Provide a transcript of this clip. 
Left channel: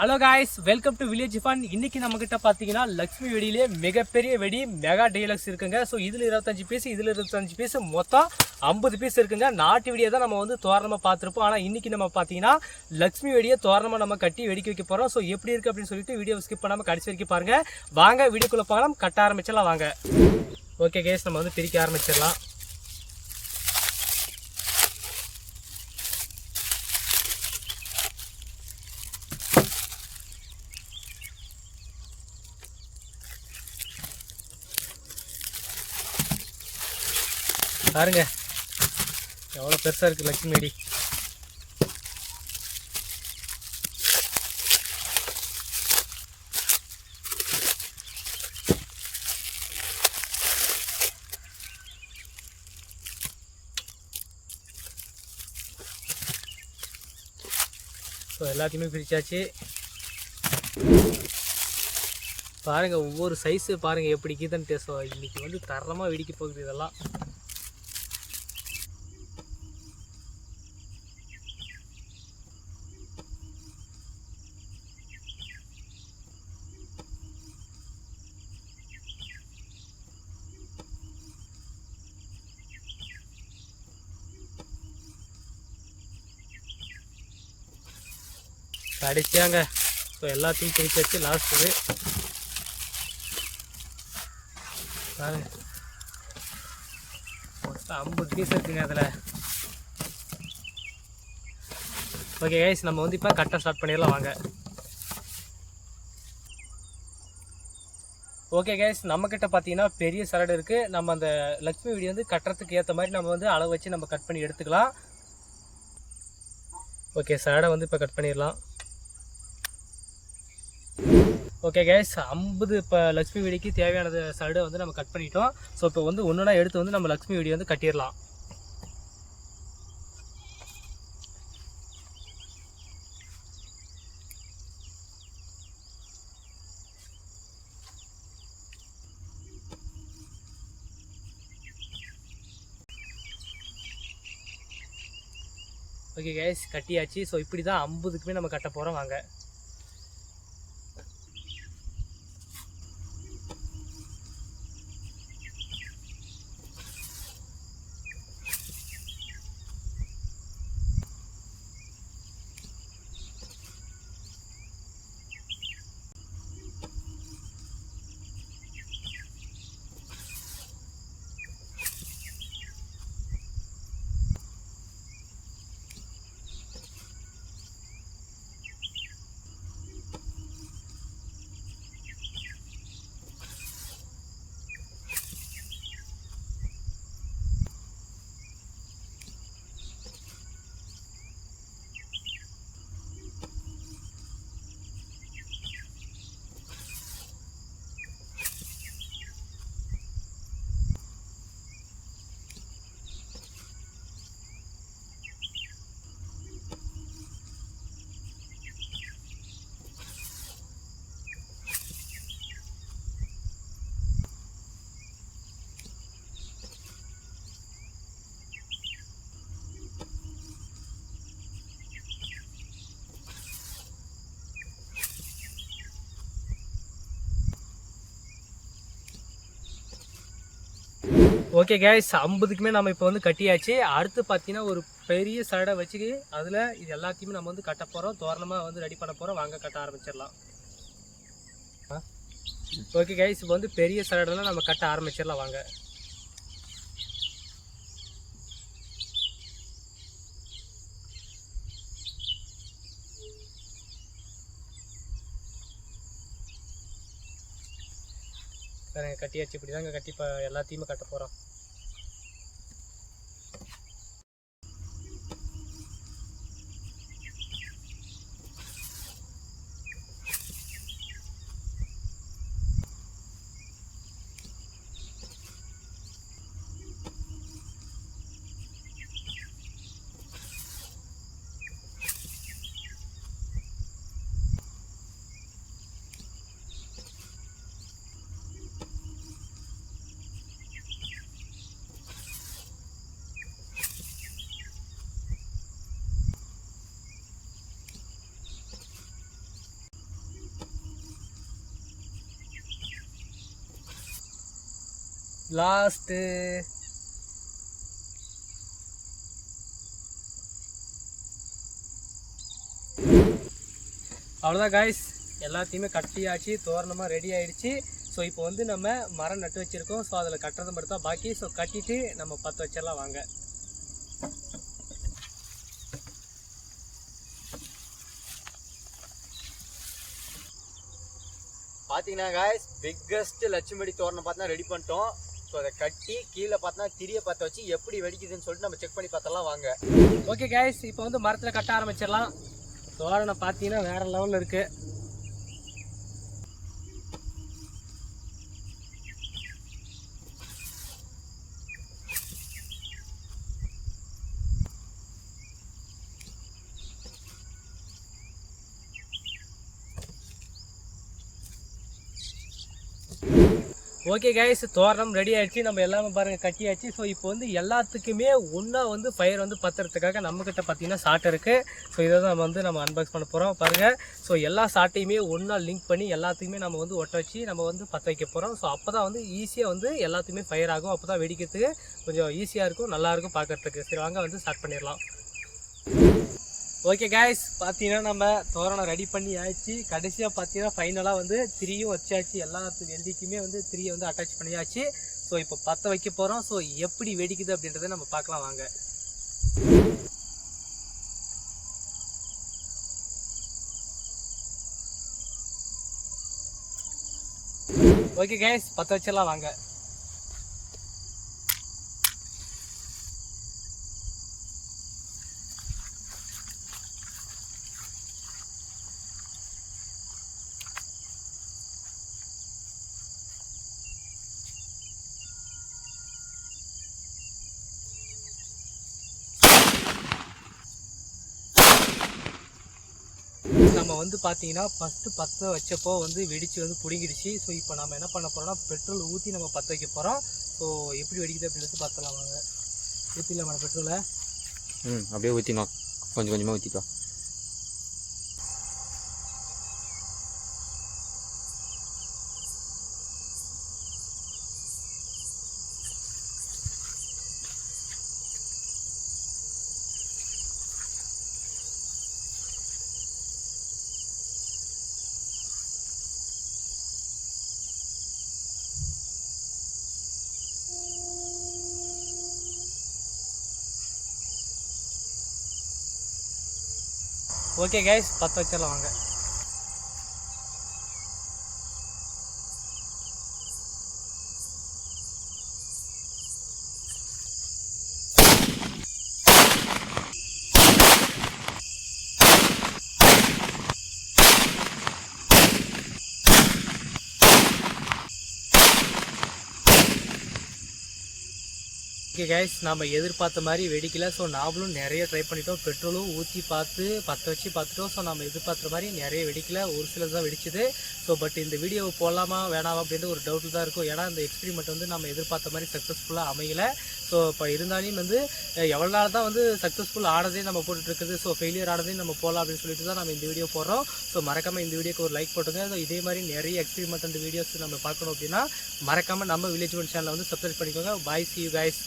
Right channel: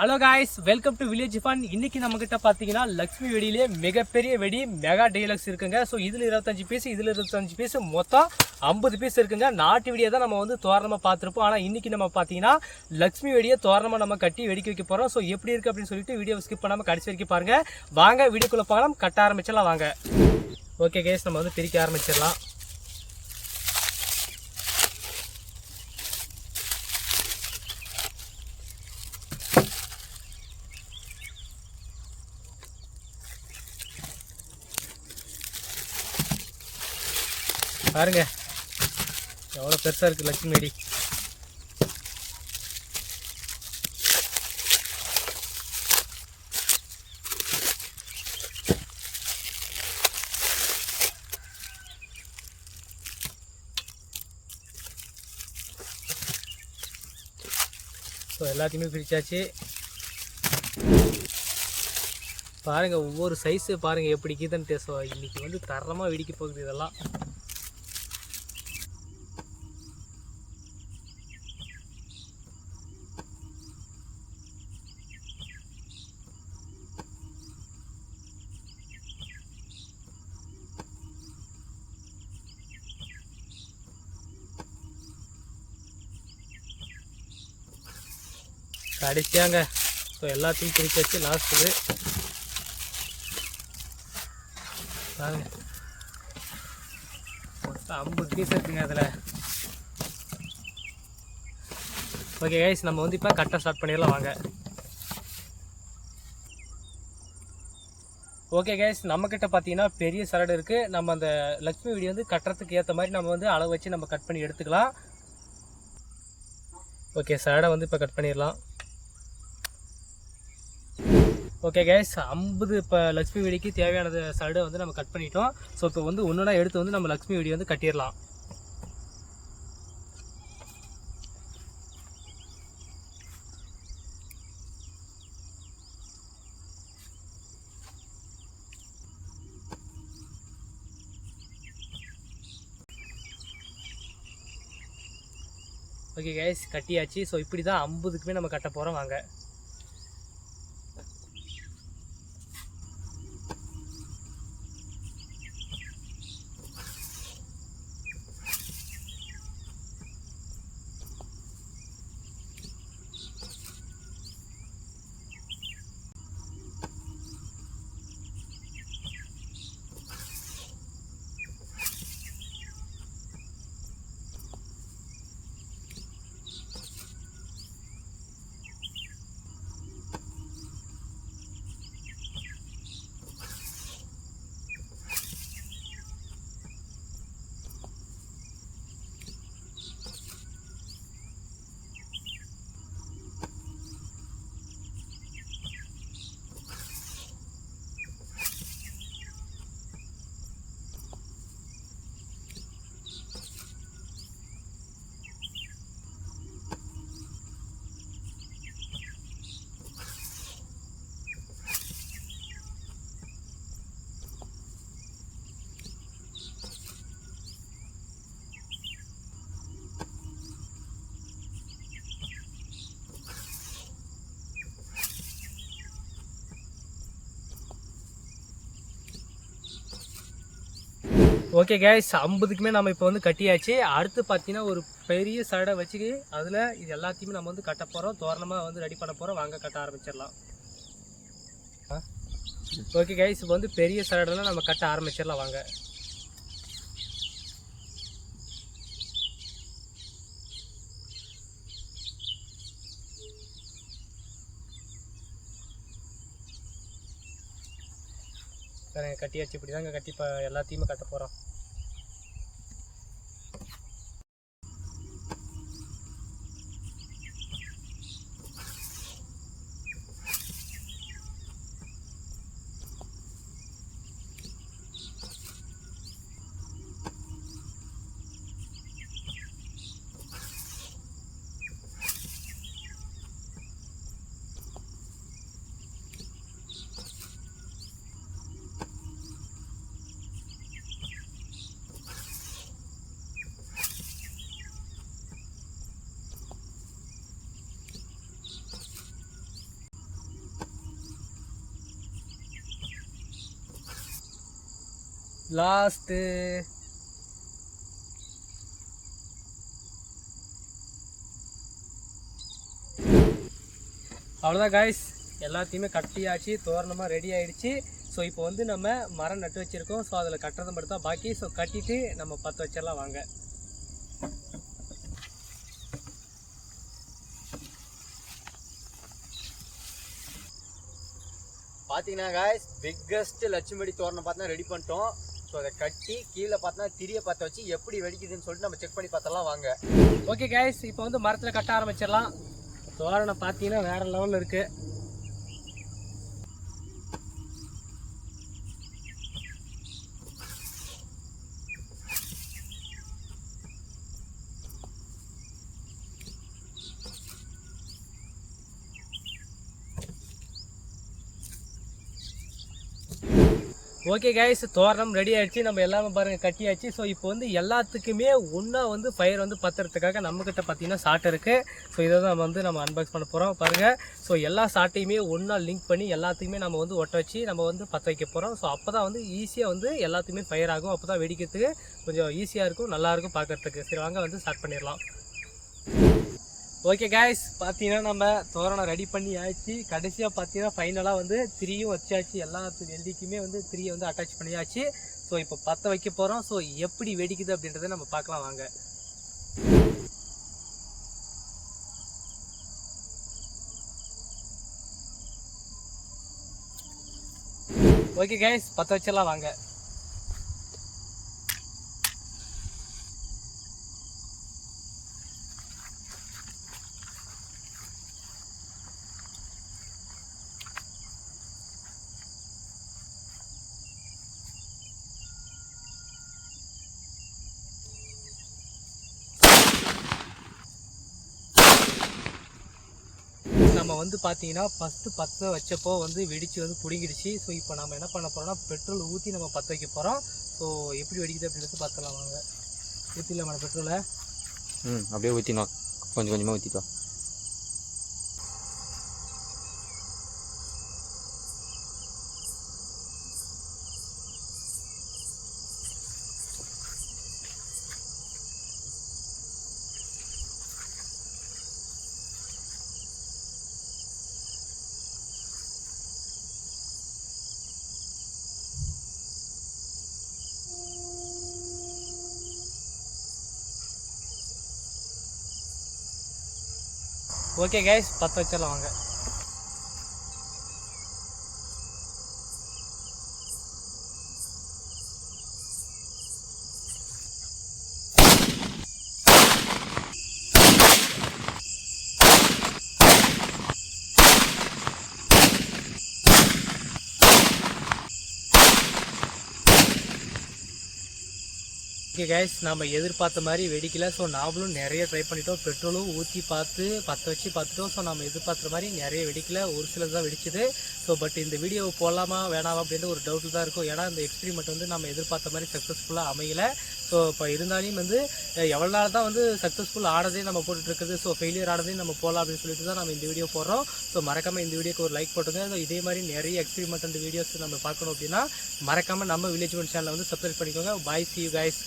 Hello guys, welcome to village fun. இன்னைக்கு நம்மக்கிட்ட பார்த்தீங்கன்னா லக்ஷ்மி வெடியிலே மிகப்பெரிய வெடி மெகா டீலக்ஸ் இருக்குங்க. ஸோ இதில் 25 பீஸ், இதில் 25 பீஸ், மொத்தம் 50 பீஸ் இருக்குங்க. நாட்டு வெடியை தான் நம்ம வந்து தோரணமாக பார்த்துருப்போம். ஆனால் இன்னைக்கு நம்ம பார்த்தீங்கன்னா லக்ஷ்மி வெடியை தோரணமாக நம்ம கட்டி வெடிக்க வைக்க போகிறோம். ஸோ எப்படி இருக்குது அப்படின்னு சொல்லிட்டு வீடியோவை ஸ்கிப் பண்ணாமல் கடைசி வரைக்கும் பாருங்கள். வாங்க வீடியோக்குள்ளே போகலாம், கட்ட ஆரம்பிச்சிடலாம் வாங்க. ஓகே கேஸ், நம்ம வந்து பிரிக்க ஆரம்பிச்சிடலாம். பாருங்க எவ்வளோ பெருசாக இருக்குது லட்சுமி வெடி. ஸோ எல்லாத்தையுமே பிரித்தாச்சு. பாருங்கள் ஒவ்வொரு சைஸு பாருங்கள் எப்படி கீதன்ட்டு. ஸோ இன்றைக்கி வந்து தரமாக வெடிக்க போகுது இதெல்லாம். கடைசியாங்க ஸோ எல்லாத்தையும் பிரித்து வச்சு லாஸ்ட்டு பாருங்க மொத்தம் 50 பீஸ் இருக்குங்க அதில். ஓகே கைஸ், நம்ம வந்து இப்போ கட்ட ஸ்டார்ட் பண்ணிடலாம் வாங்க. ஓகே கைஸ், நம்மக்கிட்ட பார்த்தீங்கன்னா பெரிய சரடு இருக்குது. நம்ம அந்த லக்ஷ்மி வெடி வந்து கட்டுறதுக்கு ஏற்ற மாதிரி நம்ம வந்து அளவு வச்சு நம்ம கட் பண்ணி எடுத்துக்கலாம். ஓகே, சரடை வந்து இப்போ கட் பண்ணிடலாம். ஓகே கேஸ், 50 இப்போ லக்ஷ்மி வெடிக்கு தேவையானது சரடை வந்து நம்ம கட் பண்ணிட்டோம். ஸோ இப்போ வந்து ஒன்றுனா எடுத்து வந்து நம்ம லக்ஷ்மி வெடி வந்து கட்டிடலாம். ஓகே கேஸ், கட்டியாச்சு. ஸோ இப்படி தான் 50க்குமே நம்ம கட்ட போகிறோம் வாங்க. ஓகே கேஸ், 50க்குமே நம்ம இப்போ வந்து கட்டியாச்சு. அடுத்து பார்த்தீங்கன்னா ஒரு பெரிய சரடை வச்சு அதில் இது எல்லாத்தையுமே நம்ம வந்து கட்ட போகிறோம். தோரணமாக வந்து ரெடி பண்ண போகிறோம் வாங்க, கட்ட ஆரம்பிச்சிடலாம். ஓகே கேஸ், இப்போ வந்து பெரிய சரடெல்லாம் நம்ம கட்ட ஆரம்பிச்சிடலாம் வாங்க. சரிங்க, கட்டியாச்சு. இப்படி தாங்க கட்டி இப்போ எல்லாத்தையுமே கட்ட போகிறோம். லாஸ்ட்டு. அவ்வளோதான் காய்ஸ், எல்லாத்தையுமே கட்டியாச்சு, தோரணமாக ரெடி ஆகிடுச்சு. ஸோ இப்போ வந்து நம்ம மரம் நட்டு வச்சுருக்கோம். ஸோ அதில் கட்டுறது மட்டும் தான் பாக்கி. ஸோ கட்டிட்டு நம்ம பற்ற வச்சிடலாம் வாங்க. பார்த்தீங்கன்னா காய்ஸ், பிக்கஸ்ட் லட்சுமி வெடி தோரணம் பார்த்தா ரெடி பண்ணிட்டோம். ஸோ அதை கட்டி கீழே பார்த்தா திரியை பற்ற வச்சு எப்படி வெடிக்குதுன்னு சொல்லிட்டு நம்ம செக் பண்ணி பார்த்தலாம் வாங்க. ஓகே காய்ஸ், இப்போ வந்து மரத்தில் கட்ட ஆரம்பிச்சிடலாம். தோரணம் பார்த்தீங்கன்னா வேறு லெவலில் இருக்குது. ஓகே கைஸ், தோரணம் ரெடி ஆகிடுச்சு. நம்ம எல்லாமே பாருங்கள் கட்டியாச்சு. ஸோ இப்போ வந்து எல்லாத்துக்குமே ஒன்றா வந்து ஃபயர் வந்து பற்றுறதுக்காக நம்மக்கிட்ட பார்த்தீங்கன்னா சாட்டை இருக்குது. ஸோ இதை தான் நம்ம அன்பாக்ஸ் பண்ண போகிறோம் பாருங்கள். ஸோ எல்லா சாட்டையுமே ஒன்றா லிங்க் பண்ணி எல்லாத்துக்குமே நம்ம வந்து ஒட்ட வச்சு நம்ம வந்து பற்ற வைக்க போகிறோம். ஸோ அப்போ தான் வந்து ஈஸியாக வந்து எல்லாத்துக்குமே ஃபயர் ஆகும். அப்போ தான் வெடிக்கிறதுக்கு கொஞ்சம் ஈஸியாக இருக்கும், நல்லாயிருக்கும் பார்க்குறதுக்கு. சரி வாங்க வந்து ஸ்டார்ட் பண்ணிடலாம். ஓகே காய்ஸ், பார்த்தீங்கன்னா நம்ம தோரணம் ரெடி பண்ணி ஆயிடுச்சு. கடைசியாக பார்த்தீங்கன்னா ஃபைனலாக வந்து திரியும் வச்சாச்சு. எல்லாத்துக்கும் எல்டிக்குமே வந்து திரியை வந்து அட்டாச் பண்ணியாச்சு. ஸோ இப்போ பற்ற வைக்க போகிறோம். ஸோ எப்படி வெடிக்குது அப்படின்றத நம்ம பார்க்கலாம் வாங்க. ஓகே காய்ஸ், பற்ற வச்சிடலாம் வாங்க. நம்ம வந்து பார்த்தீங்கன்னா ஃபஸ்ட்டு பற்ற வச்சப்போ வந்து வெடித்து வந்து பிடிங்கிடுச்சு. ஸோ இப்போ நம்ம என்ன பண்ண போகிறோம்னா பெட்ரோல் ஊற்றி நம்ம பற்ற வைக்க போகிறோம். ஸோ எப்படி வெடிக்குது அப்படின்றது பார்த்துலாம் வாங்க. ஊற்றிடலாமா பெட்ரோலை? அப்படியே ஊற்றினோம், கொஞ்சம் கொஞ்சமாக ஊற்றிட்டோம். ஓகே கைஸ், பற்ற வச்சிடலாம் வாங்க. ஓகே கைஸ், நம்ம எதிர்பார்த்த மாதிரி வெடிக்கல. ஸோ நாமளும் நிறைய ட்ரை பண்ணிட்டோம், பெட்ரோலும் ஊற்றி பார்த்து பற்ற வச்சு பார்த்துட்டோம். ஸோ நம்ம எதிர்பார்த்த மாதிரி நிறைய வெடிக்கல, ஒரு சிலது தான் வெடிச்சுது. ஸோ பட் இந்த வீடியோவை போடலாமா வேணாமா அப்படின்ற ஒரு டவுட்டு தான் இருக்கும். ஏன்னா இந்த எக்ஸ்பெரிமெண்ட் வந்து நம்ம எதிர்பார்த்த மாதிரி சக்ஸஸ்ஃபுல்லாக அமையலை. ஸோ இப்போ இருந்தாலும் வந்து எவ்வளோ நாள் தான் வந்து சக்ஸஸ்ஃபுல் ஆனதே நம்ம போட்டுட்ருக்குது. ஸோ ஃபெயிலியர் ஆனதையும் நம்ம போகலாம் அப்படின்னு சொல்லிட்டு தான் நம்ம இந்த வீடியோ போடுறோம். ஸோ மறக்காமல் இந்த வீடியோக்கு ஒரு லைக் போட்டுங்க. ஸோ இதே மாதிரி நிறைய எக்ஸ்பெரிமெண்ட் வீடியோஸ் நம்ம பார்க்கணும் அப்படின்னா மறக்காமல் நம்ம வில்லேஜ் ஒன் சேனலை வந்து சப்ஸ்கிரைப் பண்ணிக்கோங்க. பாய், see you guys.